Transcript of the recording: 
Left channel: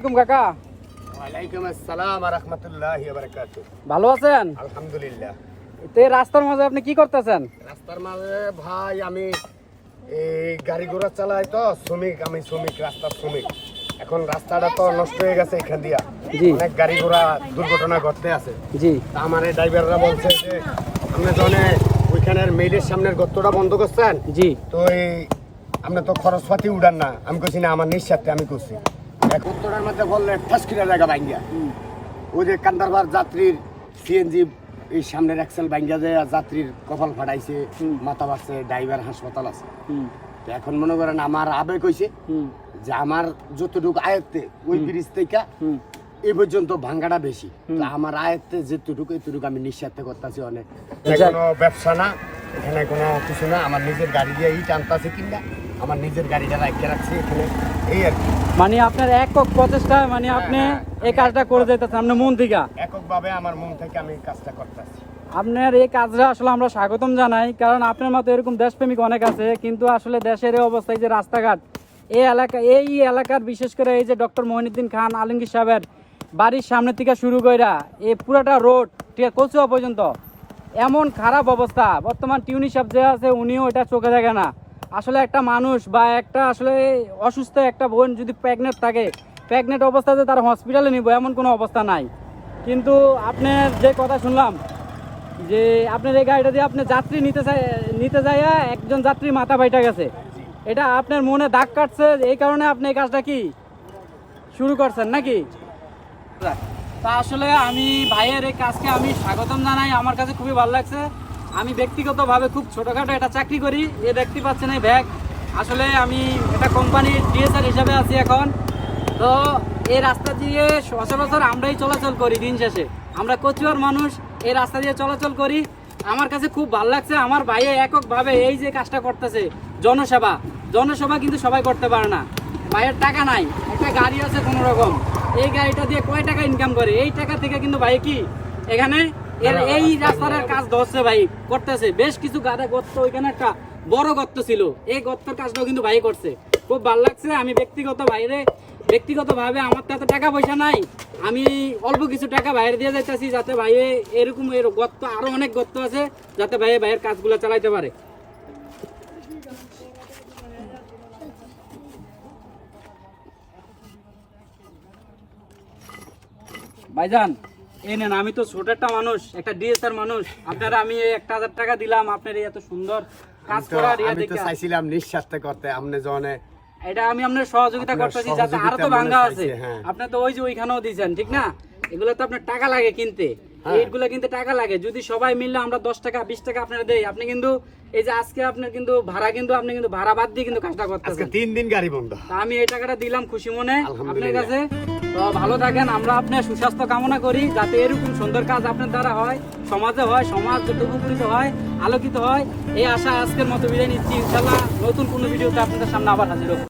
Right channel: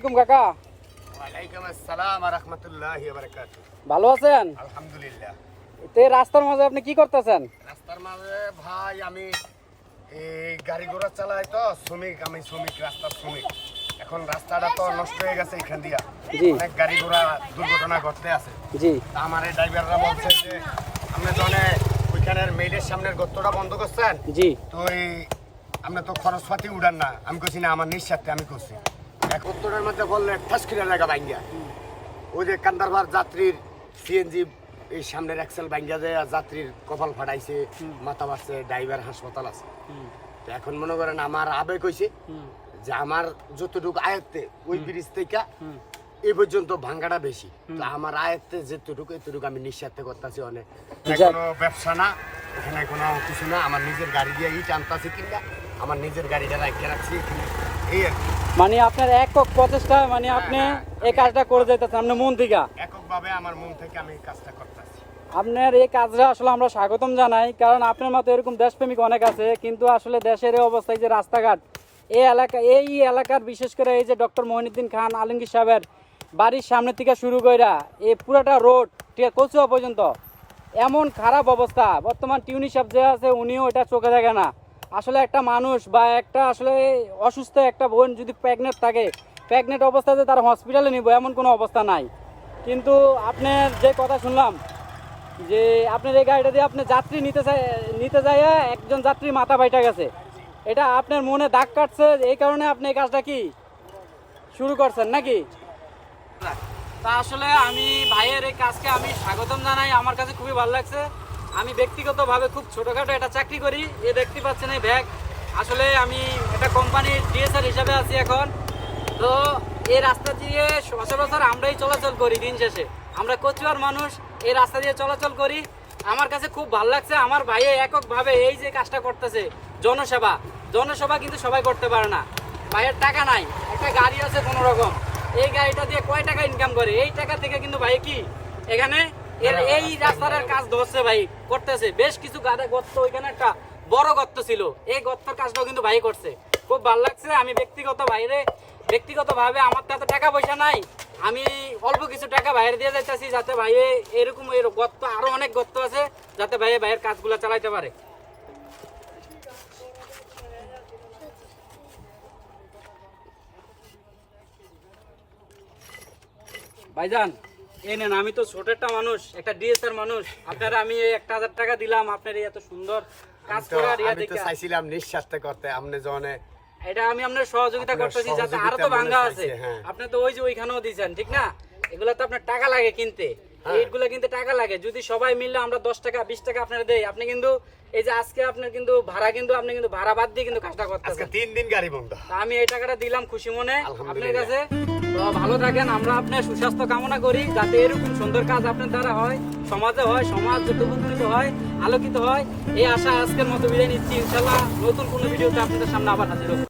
আলাইকুম কাকা। ওয়ালাইকুম আসসালাম ওয়া রাহমাতুল্লাহি ওয়া বারাকাতুহু। ভালো আছেন? আলহামদুলিল্লাহ। তে রাস্তার মধ্যে আপনি কি করতেছেন? রাস্তার মাঝে ভাই আমি এই গাড়ি ঘোড়া চালাই তো, আমি শ্রমিক, রাস্তার শ্রমিক। এখন রাস্তাটা তো নষ্ট হয়ে গেছে এখান দিয়া, অনেক গাড়ি ঘোড়া দুর্ঘটনা ঘটতে আছে। জি, তা আমার এই ড্রাইভাররা বলছে যে আপনি তো ওইখানের মেইলের সামনের গর্তটা বন্ধ করছেন, জি, তো এই আপনি তো খরচপাতি উড়ান না। আমি কইছি না, আমার নিঃস্বার্থে আমি করছি। এক গর্তটার মধ্যে বললে ঠাসকিরা জায়গা ভাঙ্গিয়া, ওই যে কান্দারবার যাত্রীর সিএনজি এই সামনের এক্সেল ভাঙ্গিয়া যায়, যাত্রীর কপাল ফাটাইছে, মাথা বাড়ছে, ড্রাইভার হাসপাতাল আছে। তো এখন মনে করেন আমার আবেগ হইছে যে আমার যতটুকু আয়ত্তে ওই ব্রিজ থেকে এই পর্যন্ত ভাঙ্গাটা বেশি, তো আমার আয়ত্তে যেটুকু এতটুকু আমি নিঃস্বার্থে করতেছি। অনেক কোনো ব্যবসা না, এখানে কোনো কিছু না, আমার নিজের গাড়ি দিয়ে ইট আনতেছি কিংবা আমার নিজের গাড়িটা রাখিয়ে রাখছি এখানে, এই আর কি। মানে আপনার একক প্রচেষ্টায় মানে আপনি এই কাজটা করে যাইতেছেন আপনার মন থেকে? এককভাবে আমার মন থেকে আমি এই কাজটা করতেছি। আপনার এই কাজটা আসলে আমরা স্বাগতম জানাই, কারণ আপনার মতো এরকম দেশপ্রেমিক অনেক আছে, কিন্তু আসলে দেশের এই অবস্থায় যে রাস্তাঘাট এই এলাকার বিশেষ করে এই যে ডক্টর মঈনুদ্দিন খান আলমগীর সাহেবের বাড়ির সামনে থেকে শুরু কইরা এই পুরাটা রোড কচুয়া পর্যন্ত এমন খারাপ অবস্থা। বর্তমান টিউনি সাহেব যে আছে উনিও এটা চোখে দেখে না। আসলে একটা মানুষ বা একটা আসলে অসুস্থ একটা বোন যদি প্রেগনেন্ট অবস্থাতে তার হসপিটালে নিব এমন কোনো অবস্থা নাই। কিন্তু আপনার যে কথা শুনলাম যে আপনার এই গাড়িটা দিয়ে আপনি যাত্রী নিতে যায় একজন যাত্রী মাথা ফাইটা গেছে, এটা আপনার মনে দাগ কাটছে, এই কারণে আপনি এই কাজটা কি শুরু করছেন নাকি? তা আসলে আমি ভাইয়ের এই কাজকে আমি স্বাগতম জানাই, আমার কাছে খুবই ভালো লাগছে। আমি ব্যক্তিগতভাবে খুব ছোটোখাটো একটা চাকরি করি, এ দেখতে পাচ্ছেন এই ব্যাগ। আসলে আমি একটা কোম্পানির ডিএসআর হিসাবে আছি এখন। তো এই রাস্তা দিয়ে সচরাচর আমরাই চলাচল করি, দিন শেষে আমরা কচুয়ার মানুষ এই রাস্তা দিয়ে চলাচল করি। আমার কাছে খুব ভালো লাগছে আমার ভাইয়ে এককভাবে এই যে কাজটা করতেছে। জনসেবা কিন্তু সবাই করতে পারে না। ভাইয়ের টাকা নাই, একটা গাড়ি আছে কোনো রকম, এই গাড়িটা দিয়ে কয় টাকা ইনকাম করে, এই টাকা থেকে কিন্তু ভাই কি এখানে এই রাস্তার কাজ ধরছে, ভাই করতেছে। বেশ কিছু গাড়া গর্ত, ওইখানে একটা বড় গর্ত ছিল, এই গর্তের কাজটাও কিন্তু ভাই করছে। খুব ভালো লাগছে। আমি ব্যক্তিগতভাবে আমার তো এত টাকা পয়সা নাই, আমি অল্প কিছু টাকা বাইরে দিয়ে যাইতেছি যাতে ভাইয়ে এরকম গর্ত আরো অনেক গর্ত আছে যাতে ভাইয়ের কাজগুলো চালাইতে পারে। ভাইজান এই নেন, আমি তো ছোট একটা মানুষ, একটা ডিএসআর মানুষ, আপনারা আমি 1000 টাকা দিলাম আপনার এত সুন্দর কাজ করার। আমি তো চাইছিলাম নিঃস্বার্থে করতে, আপনি জনে এটা আমি আপনার সহযোগিতা করতেছি যাতে আরো তো ভাঙ্গা আছে। আপনি তো ওই যে ওইখানেও দিয়েছেন, ঠিক না? এগুলো তো আপনার টাকা লাগে কিনতে, এইগুলো কিনতে টাকা লাগে। যদি সবাই মিললে আমরা 10 টাকা 20 টাকা আপনারা দেই, আপনি কিন্তু এই যে আজকে আপনার কিন্তু ভাড়া কিন্তু আপনি কিন্তু ভাড়া বাদ দিয়ে কিন্তু কাজটা করতেছেন। আজকে 3 দিন গাড়ি বন্ধ, আমি এই টাকাটা দিলাম খুশি মনে আপনার কাছে। ভালো থাকেন, আমরা আপনার সুস্বাস্থ্য কামনা করি যাতে এরকম সুন্দর কাজ আপনার দ্বারা হয়, সমাজে হয়, সমাজ যত উপকৃত হয়, আলোকিত হয়, এই আশা আজকের মতো বিদায় নিচ্ছি। ইনশাআল্লাহ নতুন কোনো ভিডিওতে আপনাদের সামনে আবার হাজির হব।